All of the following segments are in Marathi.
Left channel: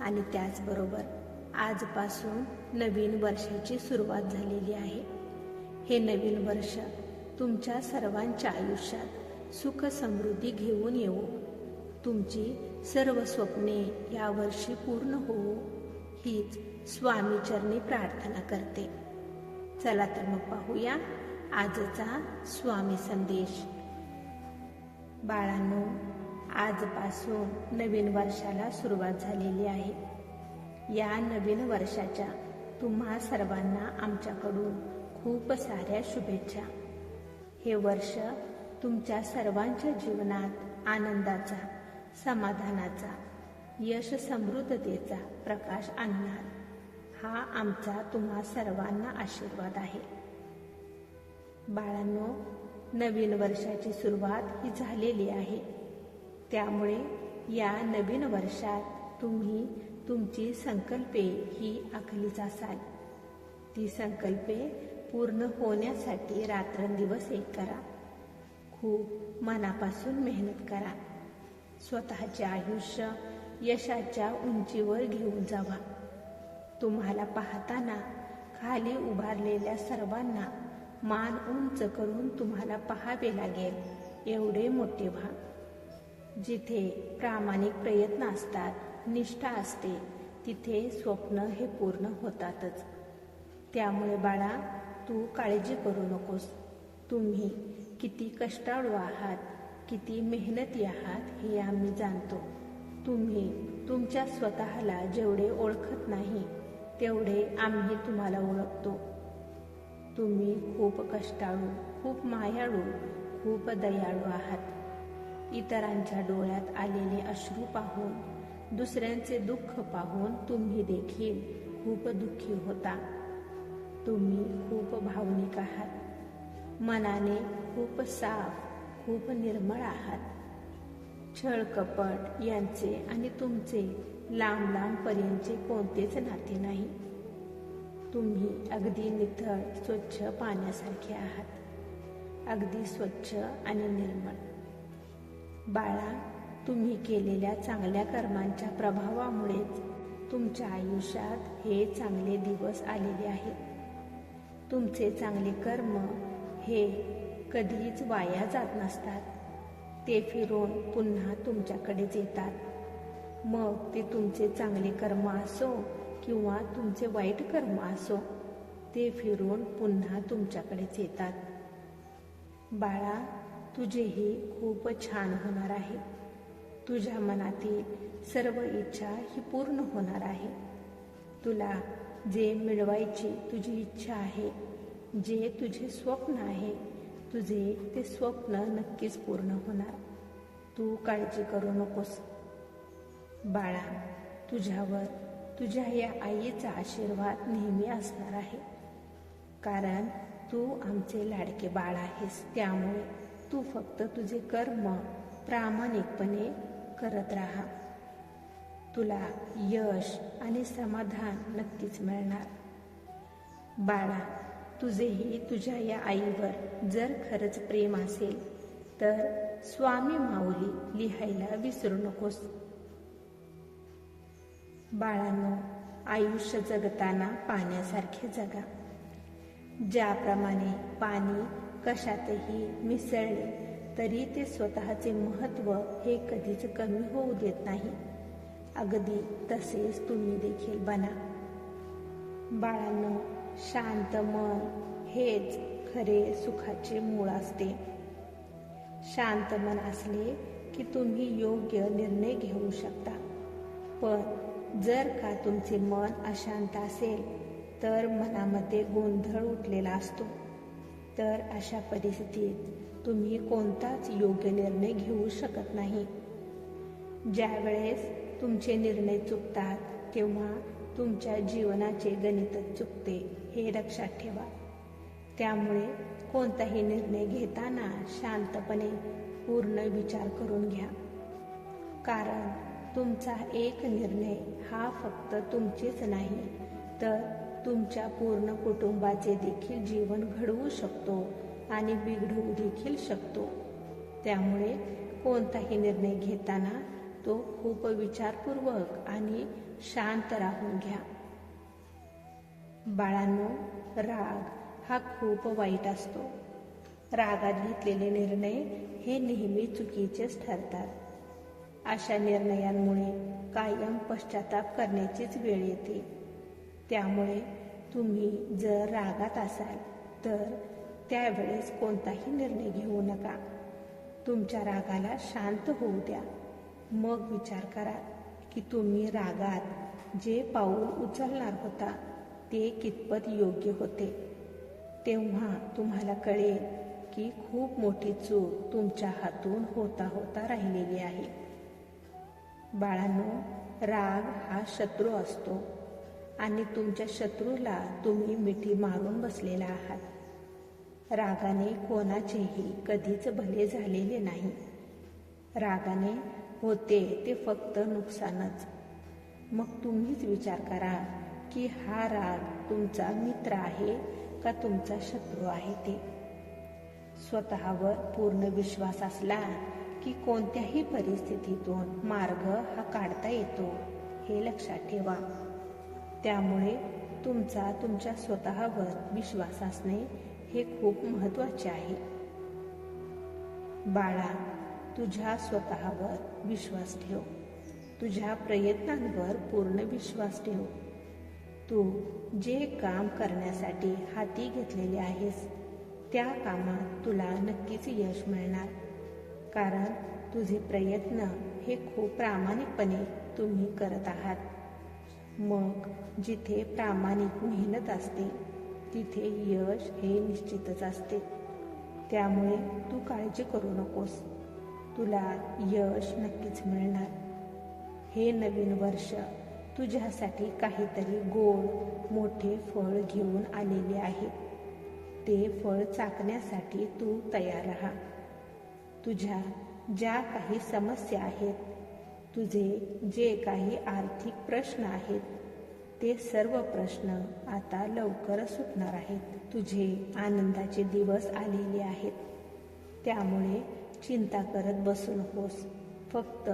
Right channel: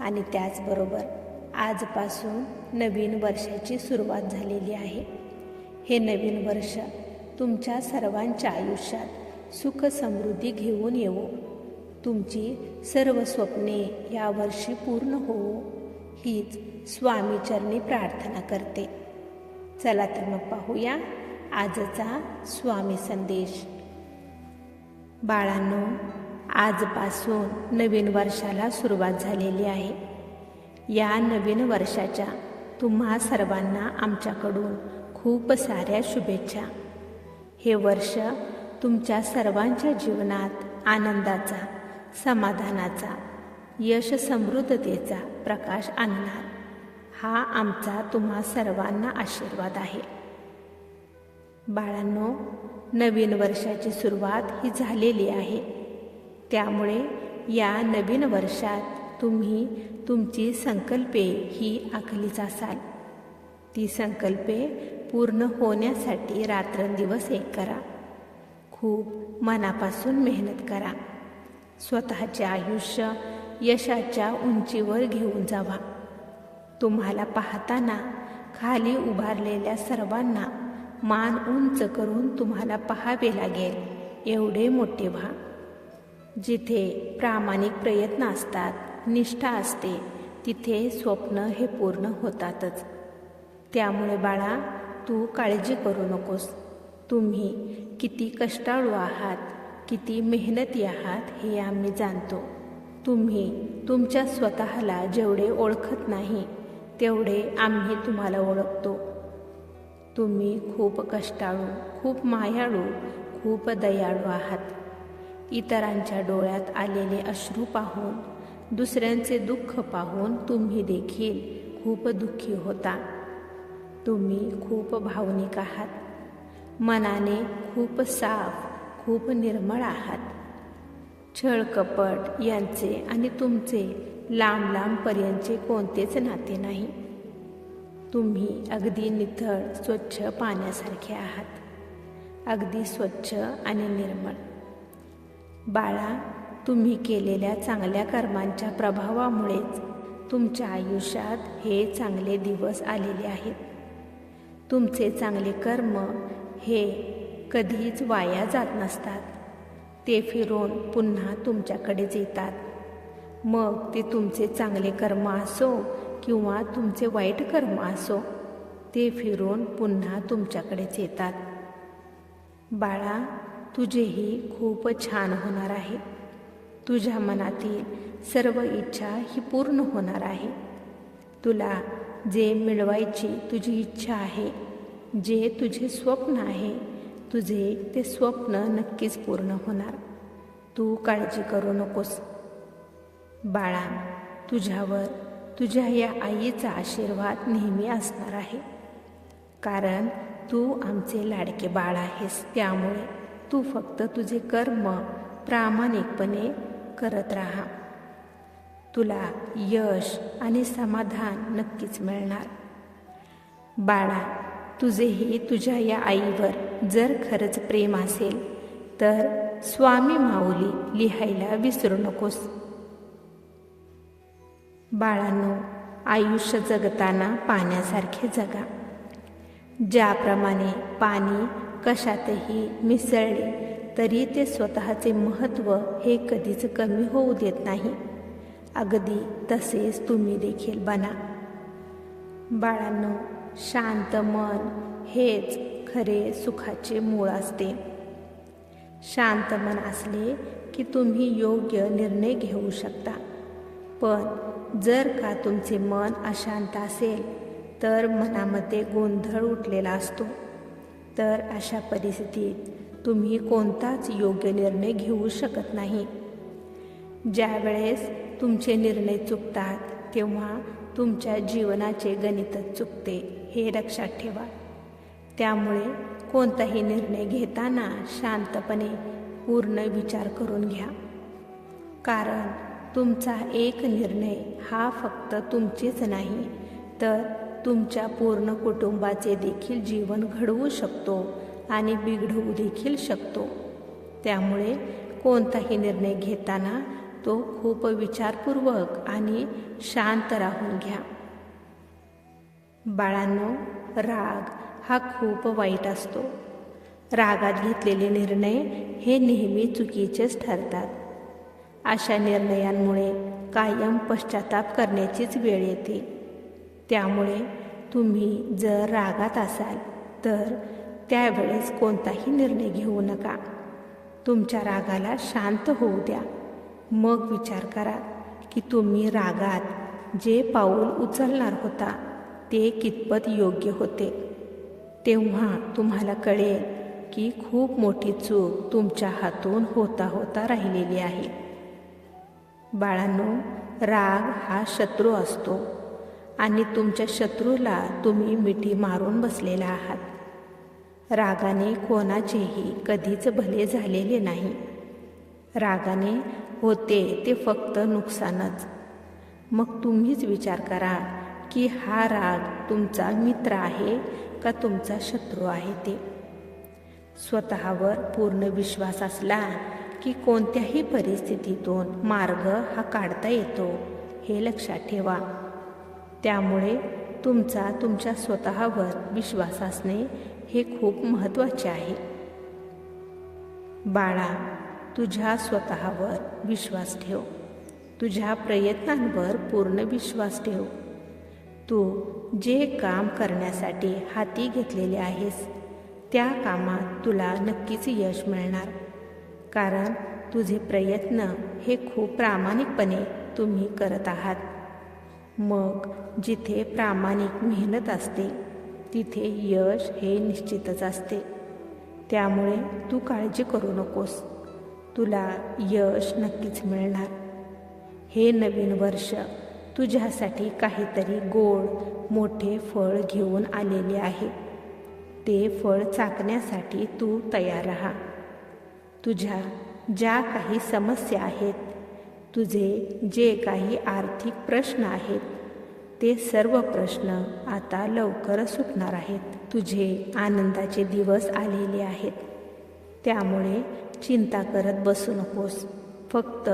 आणि त्याचबरोबर आजपासून नवीन वर्षाची सुरुवात झालेली आहे. हे नवीन वर्ष तुमच्या सर्वांच्या आयुष्यात सुख समृद्धी घेऊन येवो. तुमची सर्व स्वप्ने या वर्षी पूर्ण होवो. हीच स्वामीचरणी प्रार्थना करते. चला तर मग पाहूया आजचा स्वामी संदेश. बाळांनो आजपासून नवीन वर्षाला सुरुवात झालेली आहे. या नवीन वर्षाच्या तुम्हा सर्वांना आमच्याकडून खूप साऱ्या शुभेच्छा. हे वर्ष तुमच्या सर्वांच्या जीवनात आनंदाचा समाधानाचा यश समृद्धतेचा प्रकाश आणणार. हा आमचा तुम्हा सर्वांना आशीर्वाद आहे. बाळांनो नवीन वर्षाची सुरुवात ही झालेली आहे. त्यामुळे या नवीन वर्षात तुम्ही तुमची संकल्पे ही आखलीच असाल ती संकल्पे पूर्ण होण्यासाठी रात्रंदिवस एक करा. खूप मनापासून मेहनत करा. स्वतःचे आयुष्य यशाच्या उंचीवर घेऊन जावा. तुम्हाला पाहताना खाली उभारलेल्या सर्वांना मान उंच करून तुम्हाला पाहावे लागेल. एवढे मोठे व्हा. जिथे प्रामाणिक प्रयत्न असतात निष्ठा असते तिथे स्वप्न हे पूर्ण होतातच. त्यामुळे बाळा तू काळजी करू नकोस. तुम्ही किती कष्टाळू आहात किती मेहनती आहात हे आम्ही जाणतो. तुम्ही तुमच्या स्वतःला जेवढे ओळखत नाही तेवढे आम्ही तुम्हाला ओळखतो. तुम्ही खूप कष्टाळू खूप मायाळू खूप दयाळू आहात. इतरांच्या डोळ्यात आलेले अश्रू पाहून दुसऱ्यांचे दुःख पाहून तुम्ही देखील खूप दुःखी होता. तुम्ही खूप भावनिक आहात. मनाने खूप साफ खूप निर्मळ आहात. छळ कपट यांचे आणि तुमचे लांब लांबपर्यंतचे कोणतेच नाते नाही. तुम्ही अगदी निथळ स्वच्छ पाण्यासारखे आहात. अगदी स्वच्छ आणि निर्मळ. बाळा तुम्ही केलेल्या चांगल्या कर्मांच्या प्रभावामुळेच तुमच्या आयुष्यात हे चांगले दिवस आलेले आहेत. तुमचे चांगले कर्म हे कधीच वाया जात नसतात. ते फिरून पुन्हा तुमच्याकडेच येतात मग ते तुमचे चांगले कर्म असो किंवा तुमचे वाईट कर्म असो ते फिरून पुन्हा तुमच्याकडेच येतात बाळा तुझेही खूप छान होणार आहे. तुझ्या मनातील सर्व इच्छा ही पूर्ण होणार आहे. तुला जे मिळवायची तुझी इच्छा आहे जे तुझे स्वप्न आहे तुझे ते स्वप्न नक्कीच पूर्ण होणार. तू काळजी करू नकोस. बाळा तुझ्यावर तुझ्या या आईचा आशीर्वाद नेहमी असणार आहे. कारण तू आमचे लाडके बाळ आहेस त्यामुळे तू फक्त तुझे कर्म प्रामाणिकपणे करत राहा. तुला यश आणि समाधान नक्कीच मिळणार. बाळा तुझेही तुझ्या या आईवर जर खरंच प्रेम असेल तर स्वामी माऊली लिहायला विसरू नकोस. बाळांनो आयुष्य जगताना पाण्यासारखे जगा. ज्याप्रमाणे पाणी कशातही मिसळले तरी ते स्वतःचे महत्त्व हे कधीच कमी होऊ देत नाही. अगदी तसेच तुम्ही देखील बना. बाळांनो शांत मन हेच खरे सुखाचे मूळ असते. शांत मन असले की तुम्ही योग्य निर्णय घेऊ शकता. पण जर का तुमचे मन अशांत असेल तर मनामध्ये गोंधळ उठलेला असतो. तर अशा परिस्थितीत तुम्ही कोणताच योग्य निर्णय घेऊ शकत नाही. ज्यावेळेस तुमचे निर्णय चुकतात तेव्हा तुमच्या जीवनाचे गणितच चुकते हे लक्षात ठेवा. त्यामुळे कोणताही निर्णय घेताना शांतपणे पूर्ण विचार करून घ्या. कारण तुमचा एक निर्णय हा फक्त तुमचेच नाही तर तुमच्या पूर्ण कुटुंबाचे देखील जीवन घडवू शकतो आणि बिघडवू देखील शकतो. त्यामुळे कोणताही निर्णय घेताना तो खूप विचारपूर्वक आणि शांत राहून घ्या. बाळांनो राग हा खूप वाईट असतो. रागात घेतलेले निर्णय हे नेहमी चुकीचेच ठरतात. अशा निर्णयांमुळे कायम पश्चाताप करण्याचीच वेळ येते. त्यामुळे तुम्ही जर रागात असाल तर त्यावेळेस कोणताही निर्णय घेऊ नका. तुमच्या रागाला शांत होऊ द्या. मग विचार करा की तुम्ही रागात जे पाऊल उचलणार होता ते कितपत योग्य होते. तेव्हा तुम्हाला कळेल की खूप मोठी चूक तुमच्या हातून होता होता राहिलेली आहे. बाळांनो राग हा शत्रू असतो. आणि तुमच्या शत्रूला तुम्ही मिठी मारून बसलेला आहात. रागाने कोणाचेही कधीच भले झालेले नाही. रागाने होते ते फक्त नुकसानच. मग तुम्हीच विचार करा की हा राग तुमचा मित्र आहे का तुमचा शत्रू आहे ते? स्वतःवर पूर्ण विश्वास असला की कोणत्याही परिस्थितीतून मार्ग हा काढता येतो हे लक्षात ठेवा. त्यामुळे तुमचा तुमच्या स्वतःवर विश्वास असणे हे खूप महत्त्वाचे आहे. बाळा तुझ्या स्वतःवर विश्वास ठेव. तुझ्या प्रयत्नांवर पूर्ण विश्वास ठेव. तू जे काम करण्यासाठी हाती घेतलेले आहेस त्या कामात तुला नक्कीच यश मिळणार. कारण तुझे प्रयत्न हे खूप प्रामाणिकपणे तुम्ही करत आहात. मग जिथे प्रामाणिक मेहनत असते तिथे यश हे निश्चितच असते. त्यामुळे तू काळजी करू नकोस. तुला यश नक्कीच मिळणार. हे नवीन वर्ष तुझ्यासाठी काहीतरी गोड मोठे फळ घेऊन आलेले आहे. ते फळ चाकण्यासाठी तू तयार राहा. तुझ्या ज्या काही समस्या आहेत तुझे जे काही आर्थिक प्रश्न आहेत ते सर्व प्रश्न आता लवकरच सुटणार आहेत. तुझे आनंदाचे दिवस आलेले आहेत. त्यामुळे चिंता करत बसू नकोस. फक्त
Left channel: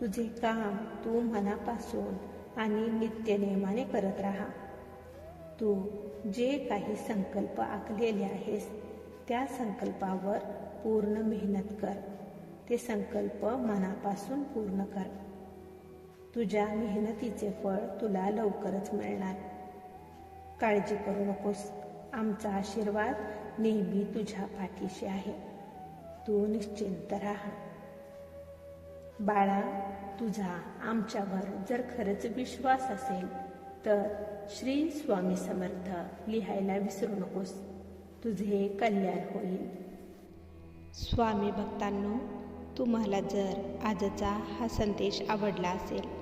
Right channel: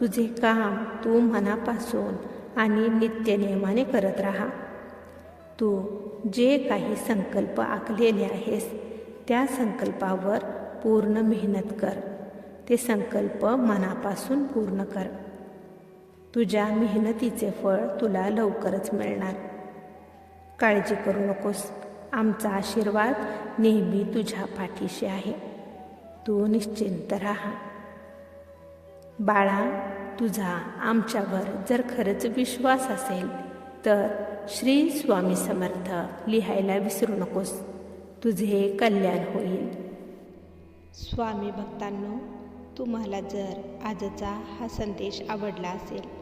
तुझे काम तू मनापासून आणि नित्यनियमाने करत राहा. तू जे काही संकल्प आखलेले आहेस त्या संकल्पावर पूर्ण मेहनत कर. ते संकल्प मनापासून पूर्ण कर. तुझ्या मेहनतीचे फळ तुला लवकरच मिळणार. काळजी करू नकोस. आमचा आशीर्वाद नेहमी तुझ्या पाठीशी आहे. तू निश्चिंत राहा. बाळा तुझा आमच्यावर जर खरंच विश्वास असेल तर श्री स्वामी समर्थ लिहायला विसरू नकोस. तुझे कल्याण होईल. स्वामी भक्तांनो तुम्हाला जर आजचा हा संदेश आवडला असेल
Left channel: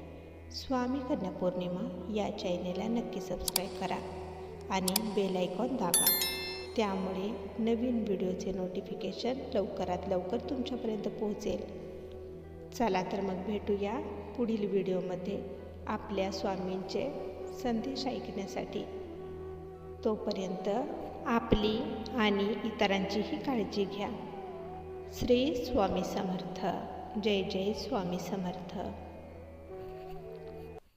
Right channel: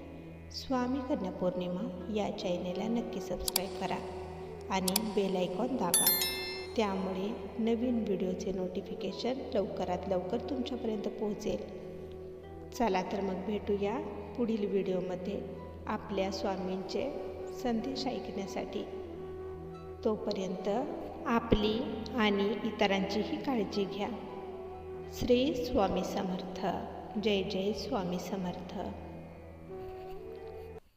स्वामी कन्या पौर्णिमा या चॅनेलला नक्की सबस्क्राईब करा आणि बेल आयकॉन दाबा. त्यामुळे नवीन व्हिडिओचे नोटिफिकेशन लवकरात लवकर तुमच्यापर्यंत पोहोचेल. चला तर मग भेटूया पुढील व्हिडिओमध्ये आपल्या स्वामींचे संदेश ऐकण्यासाठी. तोपर्यंत आपली आणि इतरांचीही काळजी घ्या. श्री स्वामी समर्थ. जय जय स्वामी समर्थ.